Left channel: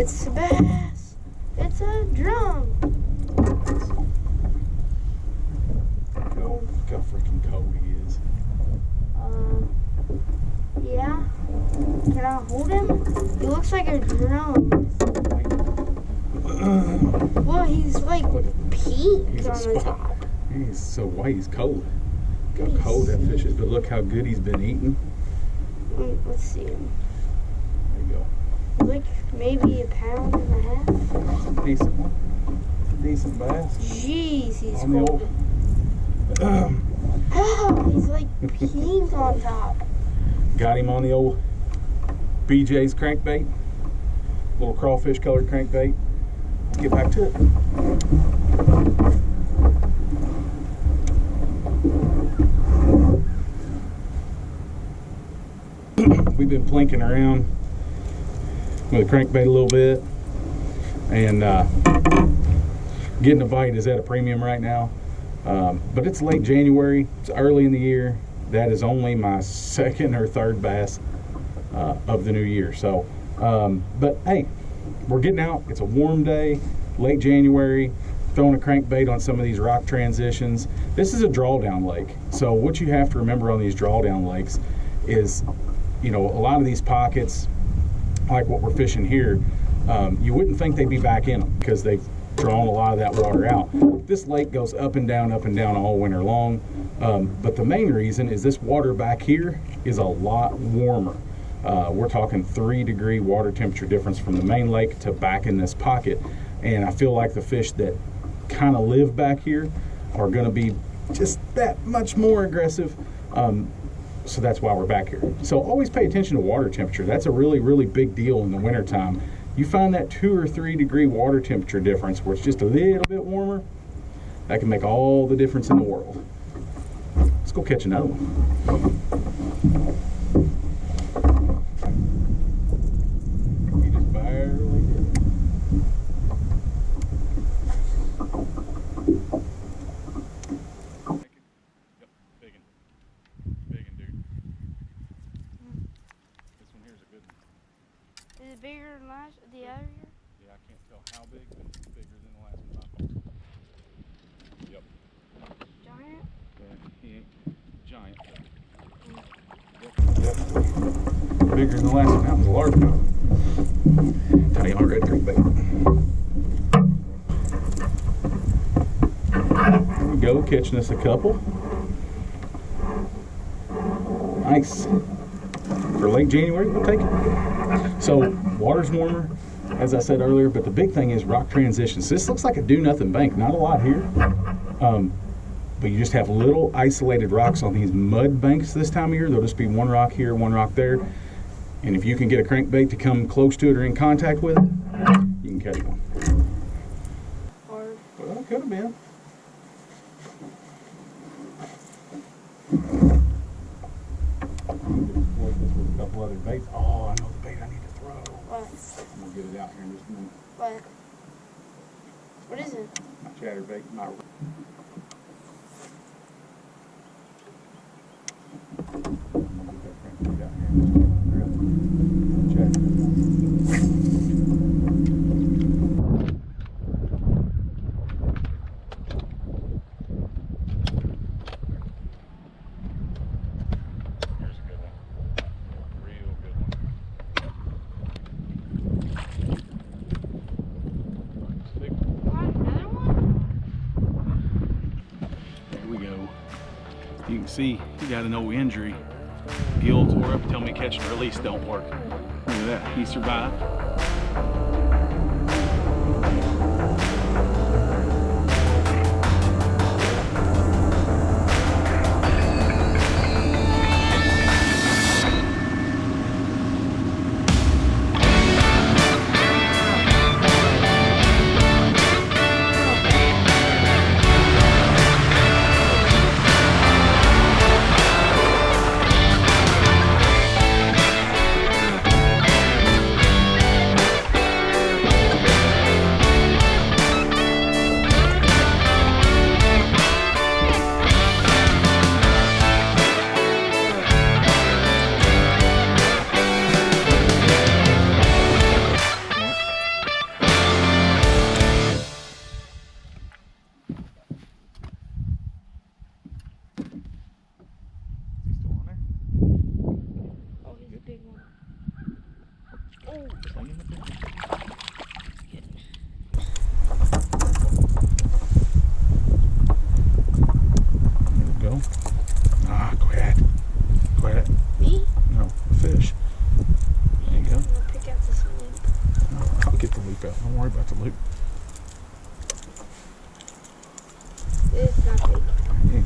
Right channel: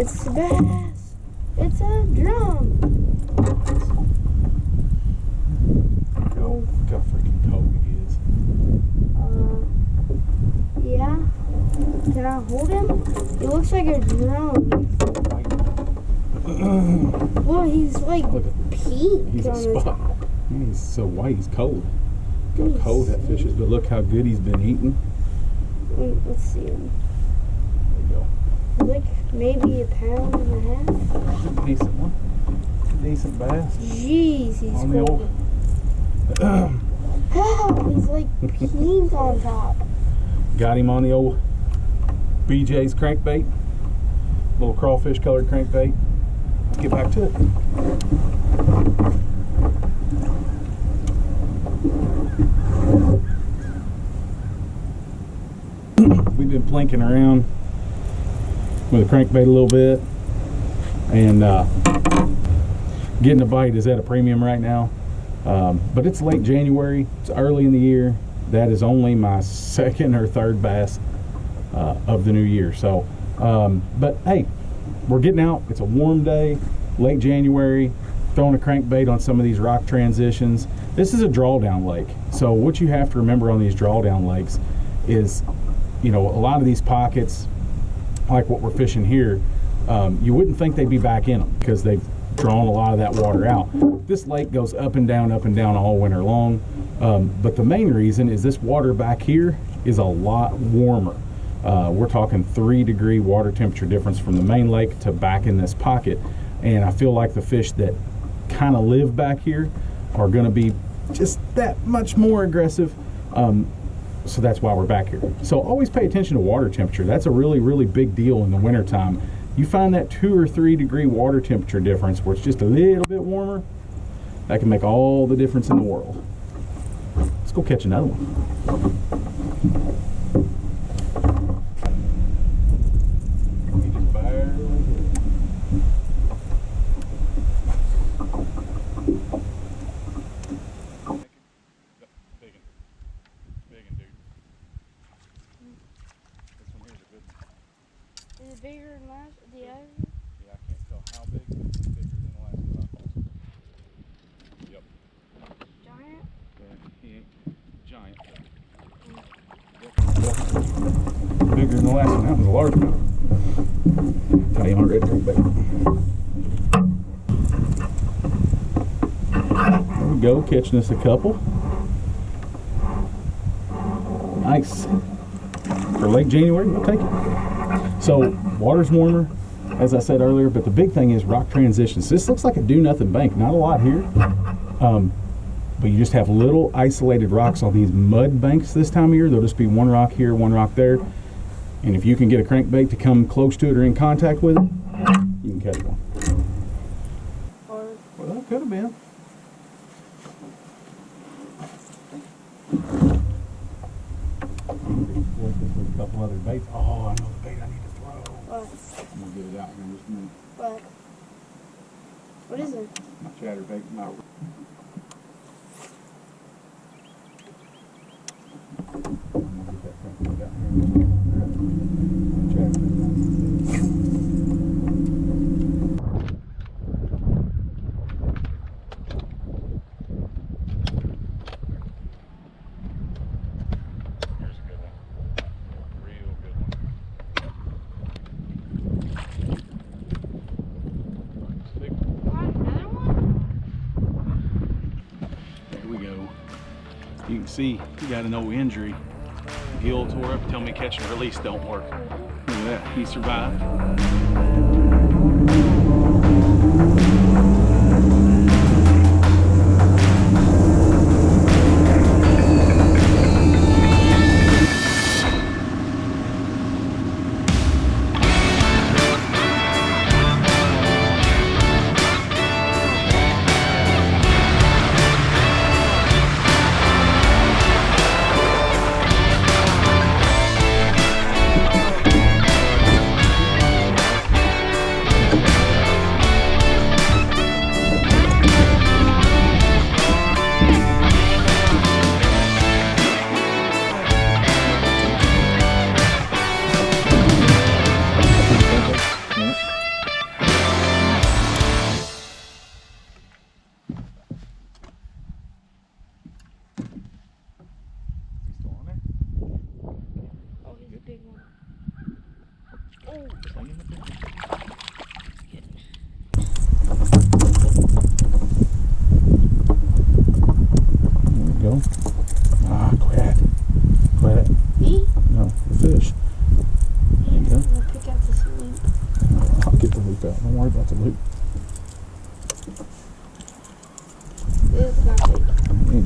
It's a bass. It's a drum. Look how freaking cold he is. Yeah. Can I hold him? He looks like a drum. Well, he's like pink. He's a on the spot. top. He's so white, he's cold. Look how cold that fish is, but look how good he's been eating. Let's see him. There you go. Like maybe a pound and a half. It's a decent one. A decent bass. Jeez, he's On the cold. He's like pink on top. Got him on the old BJ's crankbait. Little crawfish colored crankbait. Let's get back to it. We've been plinking around with a crankbait a little bit, and getting a bite is at a premium right now. But it's late January, it's early in the year. That is only my second or third bass of the new year. So, but hey, we're getting out. It's a warm day, late January, throwing a crankbait on some of these rock transitions. This is a drawdown lake. So what you have to remember on these drawdown lakes is, you know, a lot of these pockets, like what we're fishing here, you wouldn't think they'd be back in them because they've drawn a lot of that water out. This lake goes up and down all winter long. But the main reason is this water back here is a lot warmer. We're talking 3-degree water temperature difference from the main lake to back in this pocket. And I feel like the fish that kind of live back here are going to be just that much more aggressive. So that's why we're back here. So always pay attention to water temperature. That's a really, really big deal in the wintertime. You find that 2 or 3 degree water temperature difference where it's just a little bit warmer, that can make all the difference in the world. Let's go catch another one. He just barely hit. Yep, biggin. Biggin, dude. This one here's a good one. Is it bigger than the other? Yeah, I can't tell how big, but it's bigger than the last one I caught. Yep. Giant? Yeah, he ain't giant. Yep. Bigger than the last one. That one's a largemouth. Tiny on red crankbait. There we go, catching us a couple. Nice. For late January, we'll take it. So water's warmer, as I said earlier, but the big thing is rock transitions. This looks like a do-nothing bank. Not a lot here. But you just have little isolated rocks on these mud banks this time of year. There'll just be one rock here, one rock there. And if you can get a crankbait to come close to it or in contact with it, you can catch one. Hard. Well, it could have been. I need to exploit this with a couple other baits. Oh, I know the bait I need to throw. What? I'm gonna get it out here in just a minute. What? What is it? My chatterbait, my I'm gonna get that crankbait out here in just a minute. All right. Chatterbait. Here's a good one. Real good one. Stick. Another one? There we go. You can see he got an old injury. Gill tore up. Tell me catch and release don't work. Look at that. He survived.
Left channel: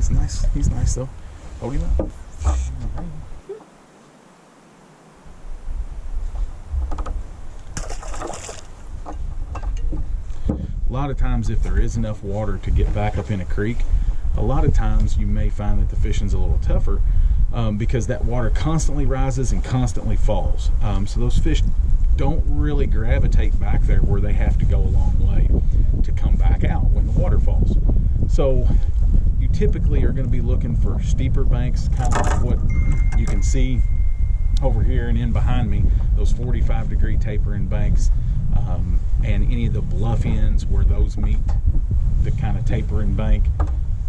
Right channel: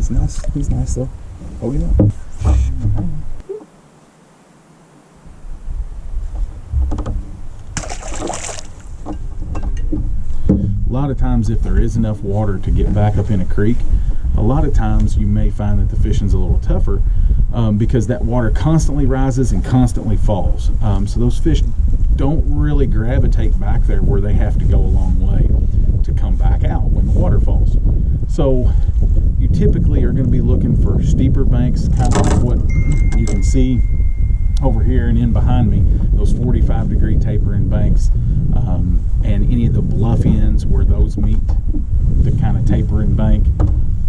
He's nice. He's nice though. Hold him up. A lot of times, if there is enough water to get back up in a creek, a lot of times you may find that the fishing's a little tougher because that water constantly rises and constantly falls. So those fish don't really gravitate back there where they have to go a long way to come back out when the water falls. So you typically are going to be looking for steeper banks, kind of like what you can see over here and in behind me, those 45-degree tapering banks, and any of the bluff ends where those meet the kind of tapering bank.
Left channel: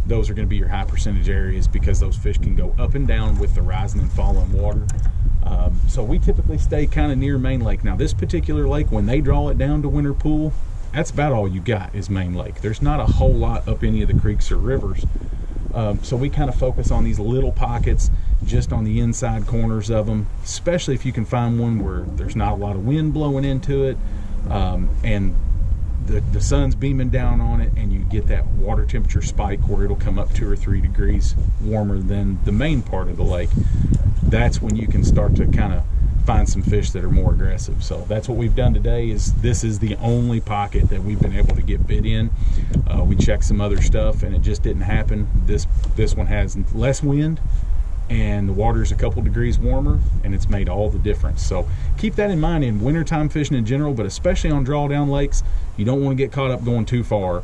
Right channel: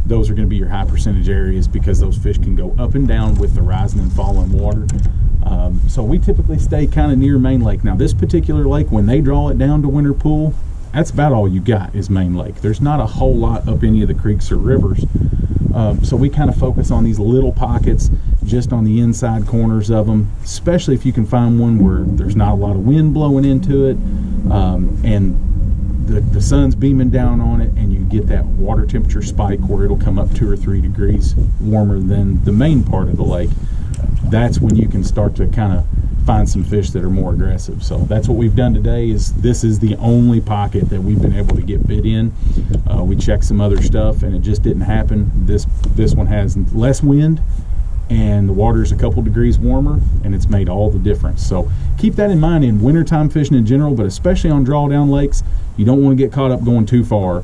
Those are going to be your high percentage areas because those fish can go up and down with the rising and falling water. So we typically stay kind of near main lake. Now this particular lake, when they draw it down to winter pool, that's about all you got is main lake. There's not a whole lot up any of the creeks or rivers. So we kind of focus on these little pockets just on the inside corners of them, especially if you can find one where there's not a lot of wind blowing into it, and the sun's beaming down on it, and you get that water temperature spike where it'll come up 2 or 3 degrees warmer than the main part of the lake. That's when you can start to kind of find some fish that are more aggressive. So that's what we've done today. This is the only pocket that we've been able to get bit in. We checked some other stuff and it just didn't happen. This one has less wind and the water's a couple degrees warmer, and it's made all the difference. So keep that in mind in wintertime fishing in general, but especially on drawdown lakes. You don't want to get caught up going too far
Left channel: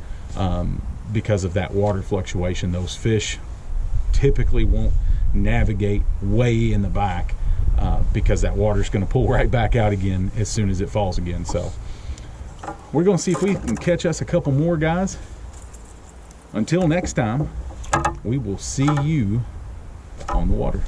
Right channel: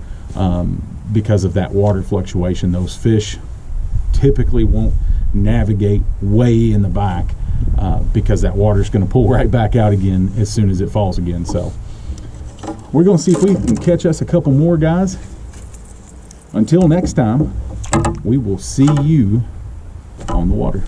because of that water fluctuation. Those fish typically won't navigate way in the back because that water's going to pull right back out again as soon as it falls again. So we're going to see if we can catch us a couple more guys. Until next time, we will see you on the water.